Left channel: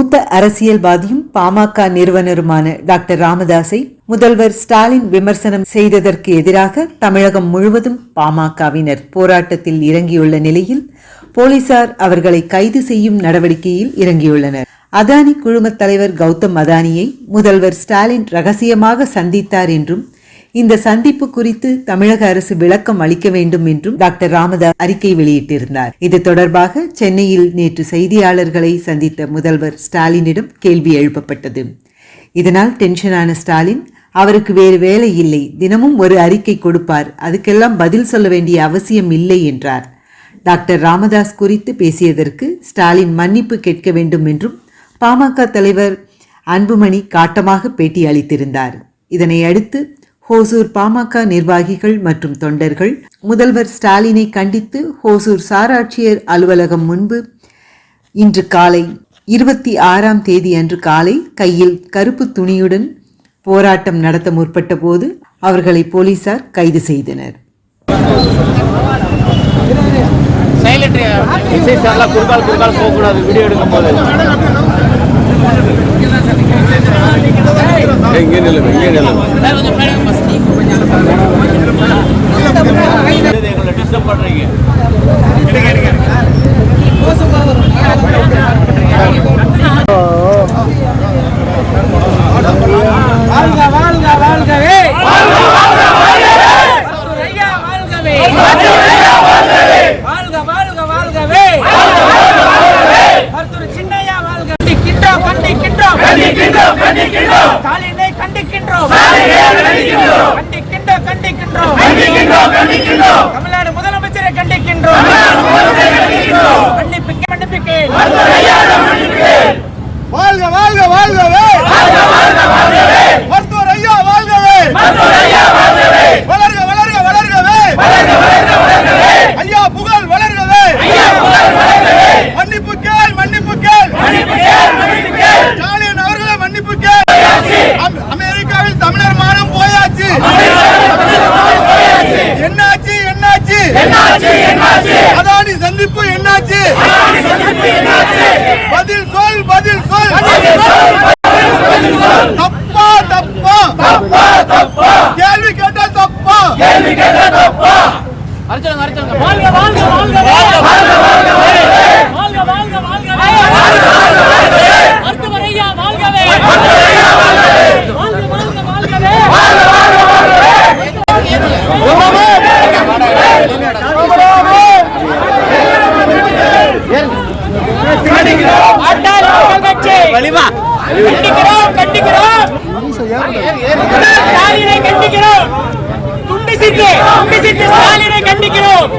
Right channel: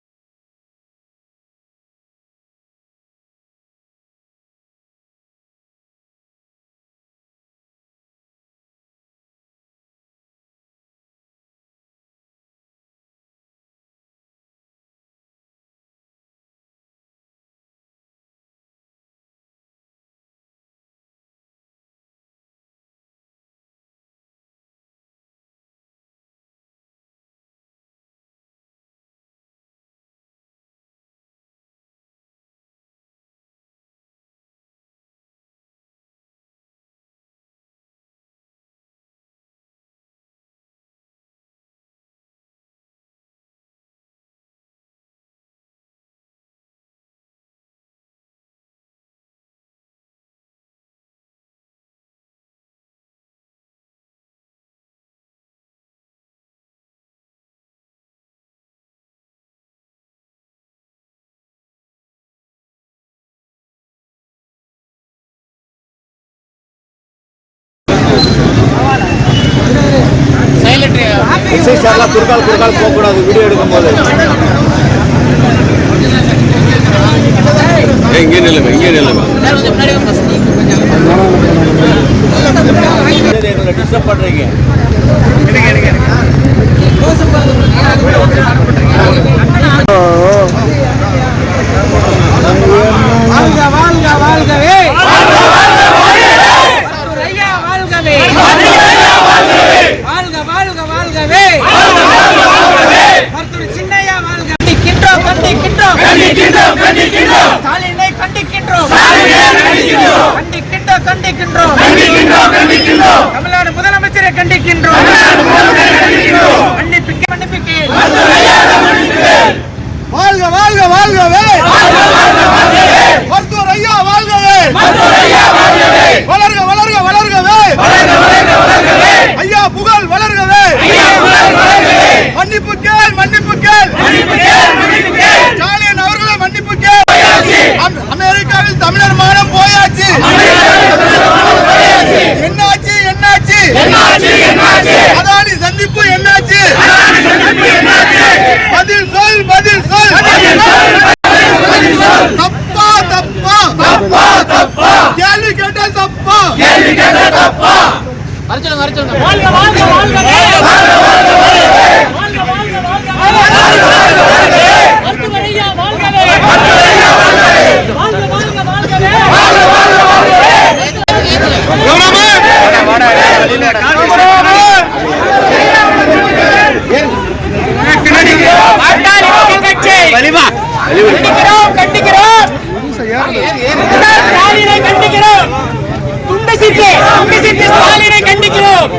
மூத்த அரசியல்வாதியும் பாமக நிறுவனருமான டாக்டர் ராமதாஸை முதல்வர் ஸ்டாலின் விமர்சனம் செய்ததற்கு எதிராக தமிழகம் முழுவதும் பாமகவினர் போராட்டத்தில் இறங்கியுள்ள நிலையில் போலீசார் அவர்களை கைது செய்யும் நடவடிக்கையில் இறங்கியுள்ளனர். அதானி குழுமத் தலைவர் கௌதம் அதானியை முதல்வர் ஸ்டாலின் ரகசியமாக சந்தித்தார் என்றும் இந்த சந்திப்பு குறித்து தமிழக அரசு விளக்கம் அளிக்க வேண்டும் என்றும் டாக்டர் ராமதாஸ் அறிக்கை வெளியிட்டிருந்தார். இது தொடர்பாக சென்னையில் நேற்று செய்தியாளர்களை சந்தித்த முதல்வர் ஸ்டாலினிடம் கேள்வி எழுப்பப்பட்டது. இதனால் டென்ஷனான ஸ்டாலின் அவருக்கு வேறு வேலை இல்லை தினமும் ஒரு அறிக்கை கொடுப்பார் அதுக்கெல்லாம் பதில் சொல்ல வேண்டிய அவசியம் இல்லை என்றார். டாக்டர் ராமதாஸ் குறித்து பேசியதற்கு ஸ்டாலின் மன்னிப்பு கேட்க வேண்டும் என்றும் பாமக தலைவர் அன்புமணி காட்டமாக பேட்டி அளித்திருந்தார். இதனை அடுத்து ஹோசூர் பாமக நிர்வாகிகள் மற்றும் தொண்டர்கள். முதல்வர் ஸ்டாலினை கண்டித்து ஹோசூர் சாராட்சியர் அலுவலகம் முன்பு இன்று காலை இருபத்தி ஆறாம் தேதி அன்று காலை கையில் கருப்பு துணியுடன் போராட்டம் நடத்த முற்பட்ட போது அவர்களை போலீசார் கைது செய்தனர். இசை சார்லாம் குறுக்கால் குறுக்கால் போகக்கூடாது வீடியோ எடுக்கும் போது இங்கே நில்லுங்க இங்கே நில்லுங்க எங்களை டிஸ்டர்ப் பண்ணுறீங்க வாழ்க வாழ்க வாழ்கவே ஐயா வாழ்கவே வாழ்க வாழ்க வாழ்கவே. மருத்துவர் சின்னையா வாழ்க. கண்டிக்கின்றோம் கண்டிக்கின்றோம். ஸ்டாலினை கண்டிக்கின்றோம். கண்டிக்கின்றோம். கண்டிக்கின்றோம் தமிழ்நாடு முதலமைச்சரை கண்டிக்கின்றோம். மன்னிப்பிக்க மன்னிப்பிக்க வாழ்க வாழ்க வாழ்கவே மருத்துவர் ஐயா வாழ்கவே வளர்க வளர்க வளர்கவே ஐயா புகழ் வளர்கவே மன்னிப்பு கேள் மன்னிப்பு கேள் ஸ்டாலின் அவர்களே மன்னிப்பு கேள் அம்- அமெரிக்காவில் தமிழர் மானம் போயாச்சு என்னாச்சு என்னாச்சு அதானி சந்திப்பு என்னாச்சு? பதில் சொல் பதில் சொல். தப்பா தப்பா. தப்பா தப்பா. கேள்வி கேட்டால் தப்பா. கேள்வி கேட்டால் தப்பா. வாழ்க வாழ்க வாழ்கவே வாழ்க வாழ்க வாழ்கவே மருத்துவர் ஐயா வாழ்கவே வாழ்க வாழ்க வாழ்கவே கண்டிக்கிறோம் கண்டிக்கிறோம். ஸ்டாலினை கண்டிக்கிறோம். துண்டு சிட்டு துண்டு சிட்டு ஸ்டாலினை கண்டிக்கிறோம்.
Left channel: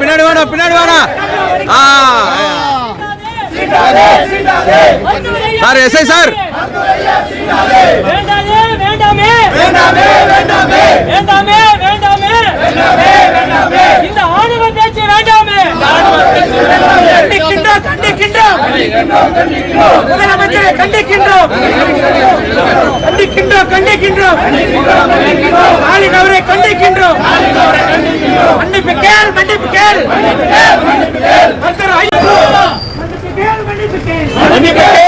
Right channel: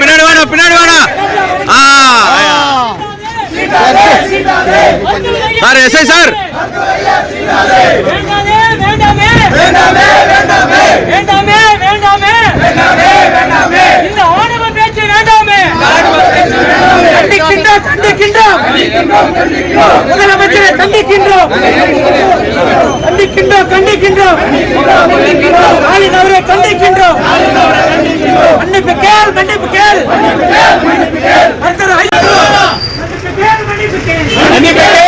பின்னாடி வாடா பின்னாடி வாடா. ஆ சார் எஸ்ஐ சார். வேண்டாமே வேண்டாமே. வேண்டாமே வேண்டாமே. வேண்டாமே வேண்டாமே வேண்டாமே இந்த ஆணவ பேச்சு வேண்டாமே கண்டிக்கின்றோம் கண்டிக்கின்றோம் முதலமைச்சரை கண்டிக்கின்றோம். கண்டிக்கின்றோம் கண்டிக்கின்றோம் ஸ்டாலின் அவரை கண்டிக்கின்றோம் மன்னிப்பு கேள் மன்னிப்பு கேள் மருத்துவர் மன்னிப்பு கேள் மன்னிப்பு கேள் மன்னிப்பு கேள்